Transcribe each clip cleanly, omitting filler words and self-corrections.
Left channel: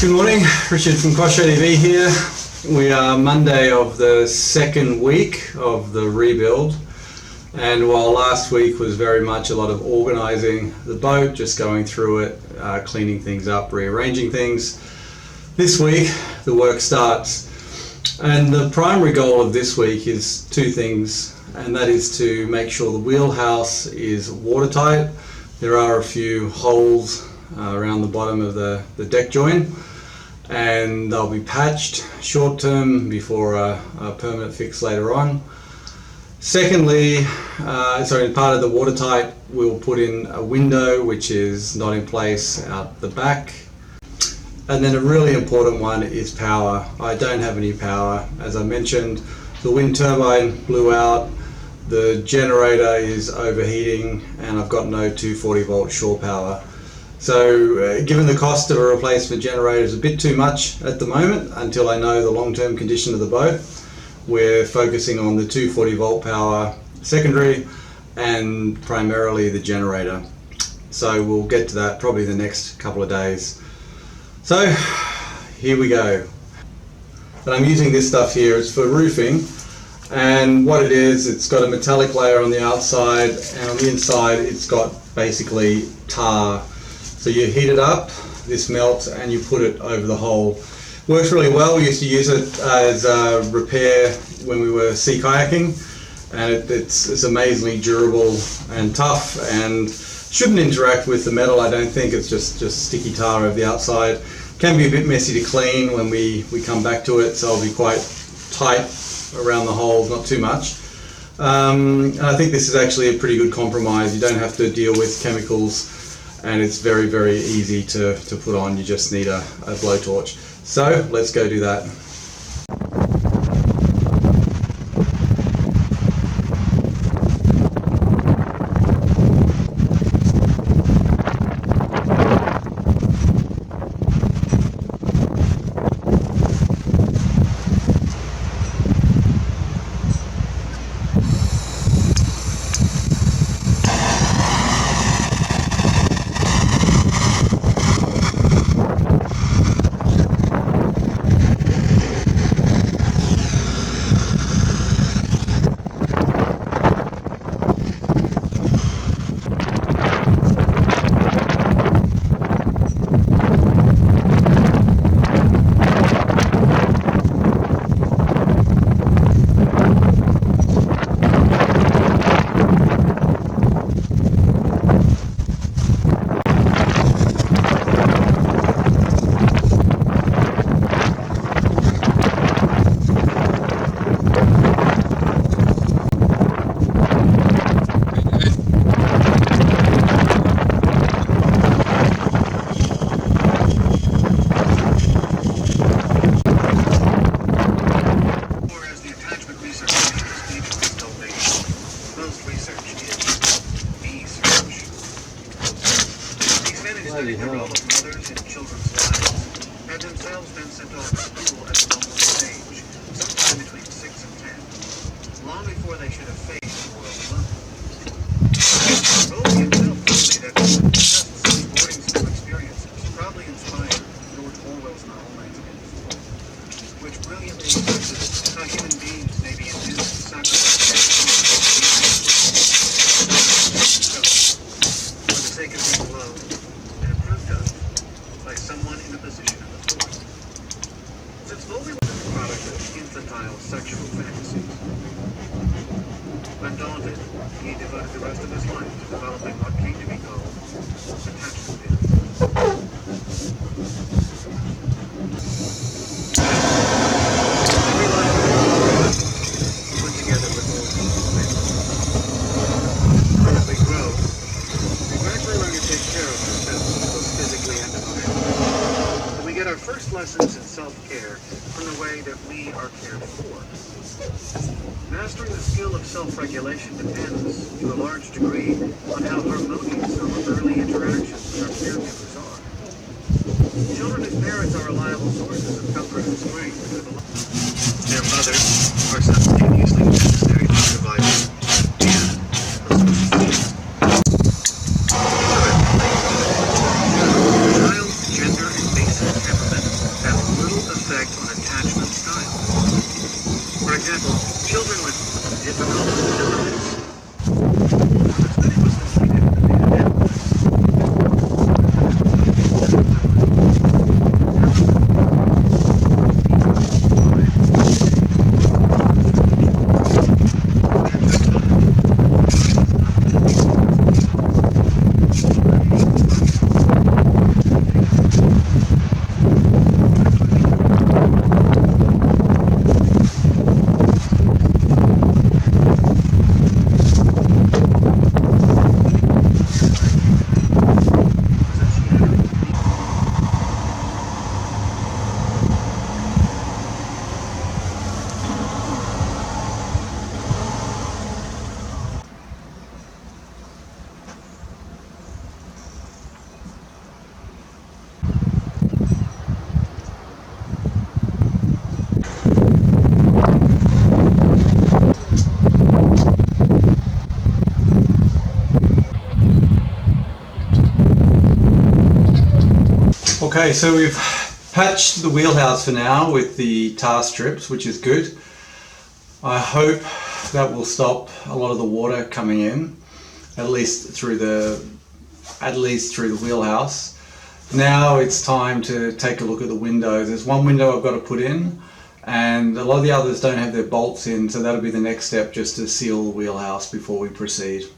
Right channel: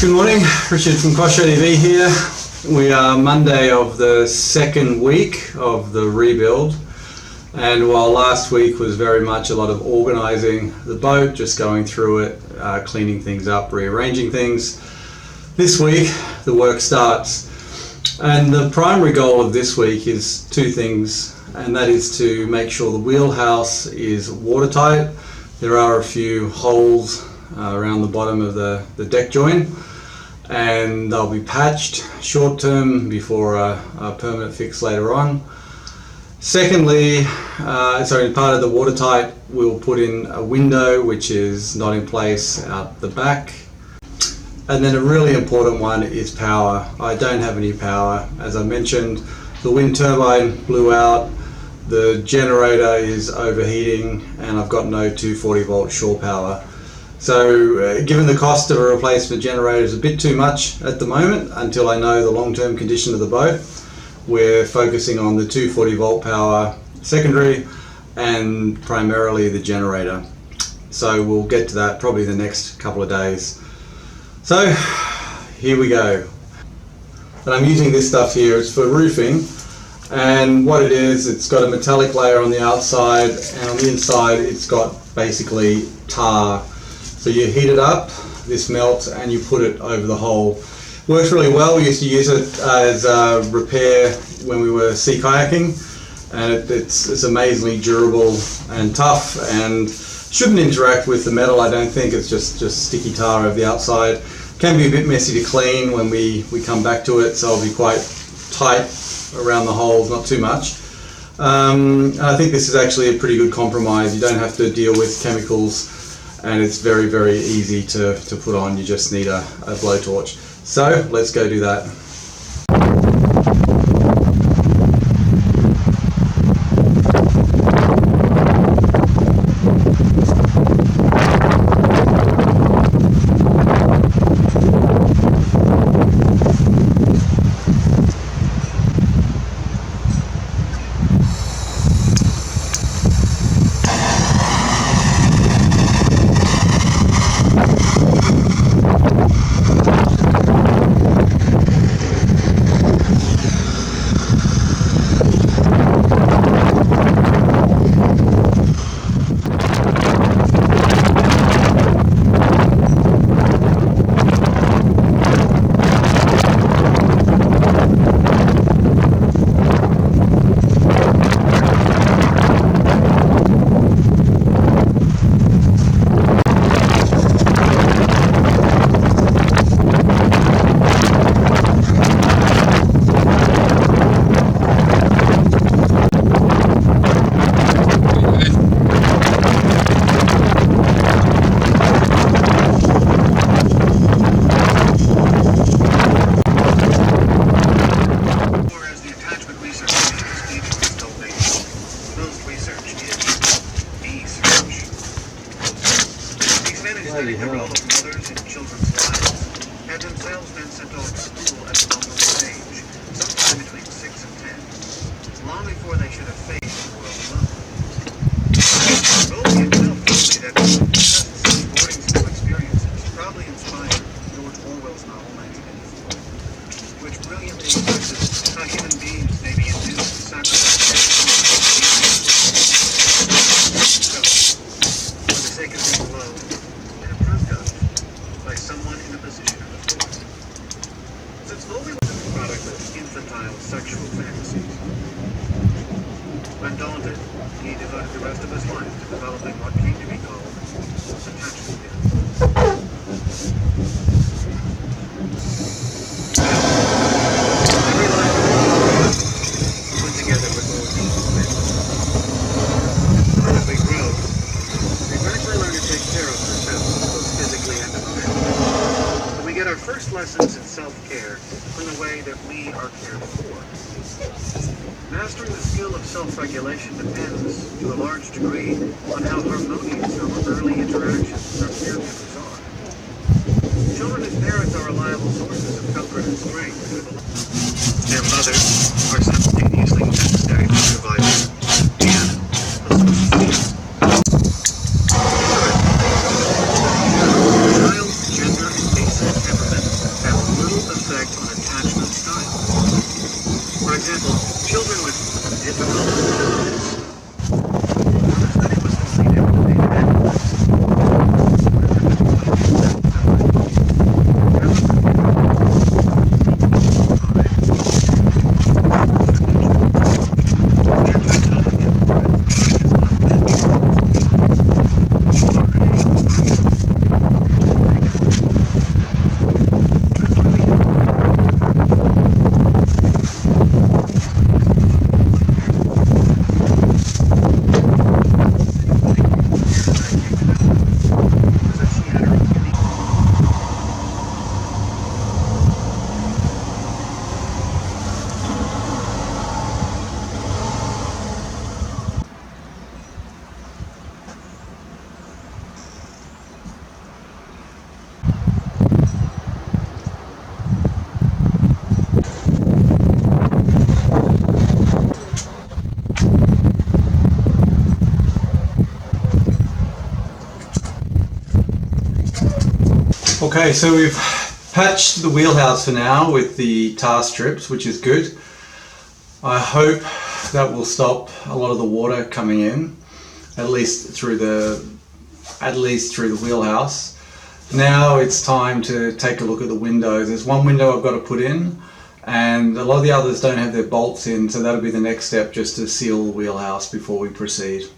Good morning, Richard from Kosher TV here. We are Monday of the second week of the rebuild, and while last week was very much a lot of organising the boat, just going through it, cleaning things up, rearranging things, this week the work starts. And the primary goal of this week is two things, and that is to make sure the wheelhouse is watertight. There are a few holes around the bottom of the deck joint, and they'll be patched short term before a permanent fix later on. Secondly, in part of the watertight, we'll put in a window which is not in place out the back. And then a really important one is power. I don't have any power. As I mentioned, the wind turbine blew out, the generator is overheating, and I've got no 240 volt shore power. So given the cost of a replacement generator is a bit too much at the moment until I know the long-term condition of the boat, we're focusing on the 240 volt power secondary and primarily the generator. So we'll get to that probably the next couple of days. So here we go. And I'm using this stuff here, it's for roofing, and what it is, it's got a metallic layer on the outside, and on the inside it's got basically tar. So you heat it up, this melts, and you put it over the hole. Works really well. We used to use it as a repair when we were sea kayaking, and it's amazingly durable and tough and shouldn't interact with the metal, I don't think. It's just sticky tar over the outside. Can be a bit messy to clean when we come back to it, so I'll be quite tight around the holes, not too much. I think this is actually a pretty good compromise. You don't have to deal with chemicals, and it's very, very easy to put on. You just need a blowtorch. So let's go do that. Bloody hell. Mothers and children's lives had themselves been sent off to school at a normal age, sometime between 6 and 10, long before they should have faced the world alone. Rowley himself told me that just such boarding school experiences probably inspired George Orwell's novel 1984, which brilliantly expresses how human beings may be induced to sacrifice for the sake of being loved and approved of by someone in a position of authority. Since Foley was a product of infantile sexual fantasies, undaunted, he devoted the rest of his life to developing what came to be called attachment theory. Every life put together with all these as we grow, we gradually learn to take care of ourselves, both physically and emotionally. And we get our first lessons in self-care from the way that we are cared for. Mastering the skill of self-regulation depends, to a large degree, on how harmonious our early interactions with our caregivers are. Children whose parents are reliable sources of comfort and strength through the life. Their mothers are simultaneously necessary to survival and a social. Child's gender and basic temperament Okay, so we've patched the wheelhouse for now with the tar strips, which is good. I hope that will stop a lot of the water coming in, at least through the wheelhouse. Now it's time to take a look at the windows. There's one window I've got to put in, and a lot of the others don't have their bolts in, so that'll be the next step, just to seal the wheelhouse before we proceed.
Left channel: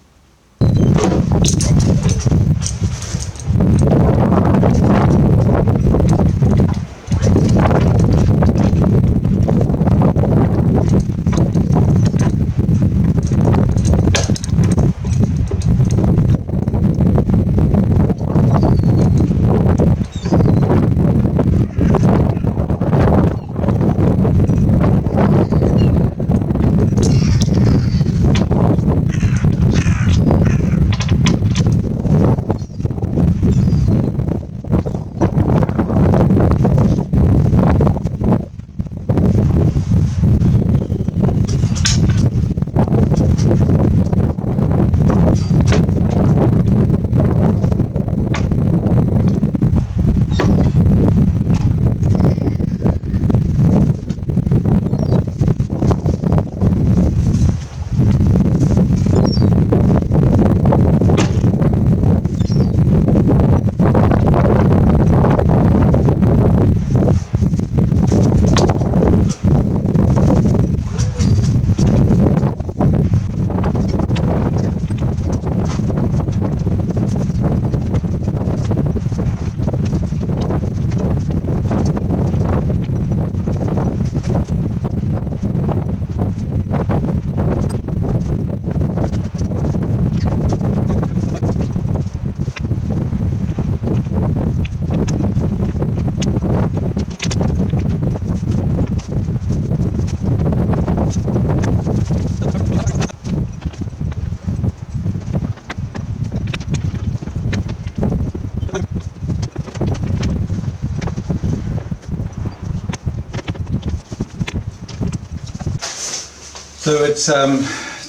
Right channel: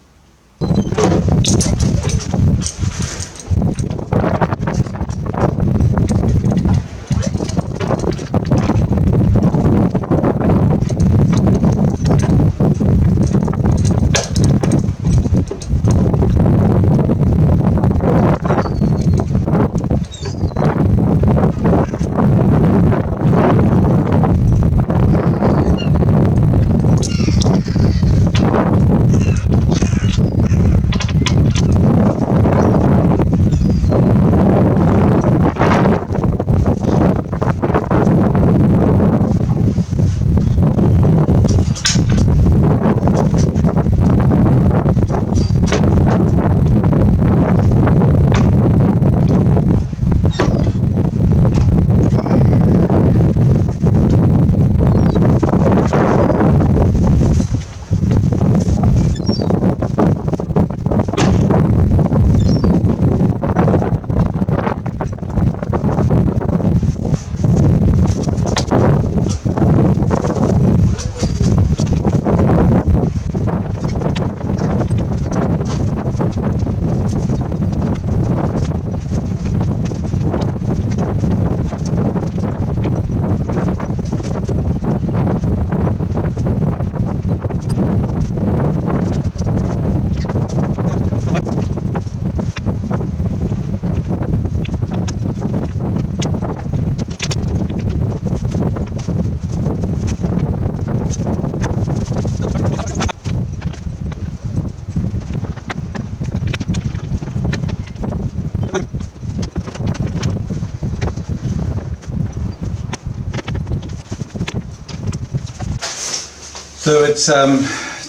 So it's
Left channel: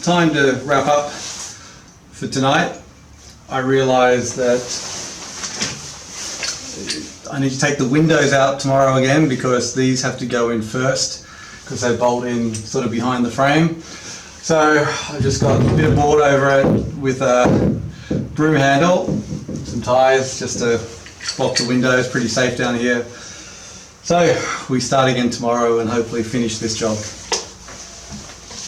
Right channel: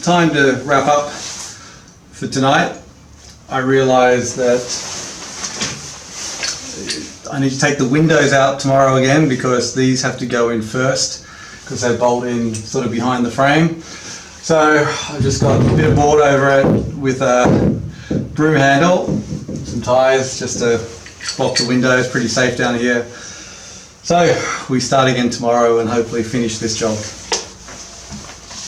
time to wrap up for tonight. I realised that I need to take the windows out tomorrow again, because these have to go in first, because they bolt in sort of behind the frame. So I've just got a bit of board over it with a broom handle, some ties just to block the windows. Pretty safe down here. So we start again tomorrow and hopefully finish this job.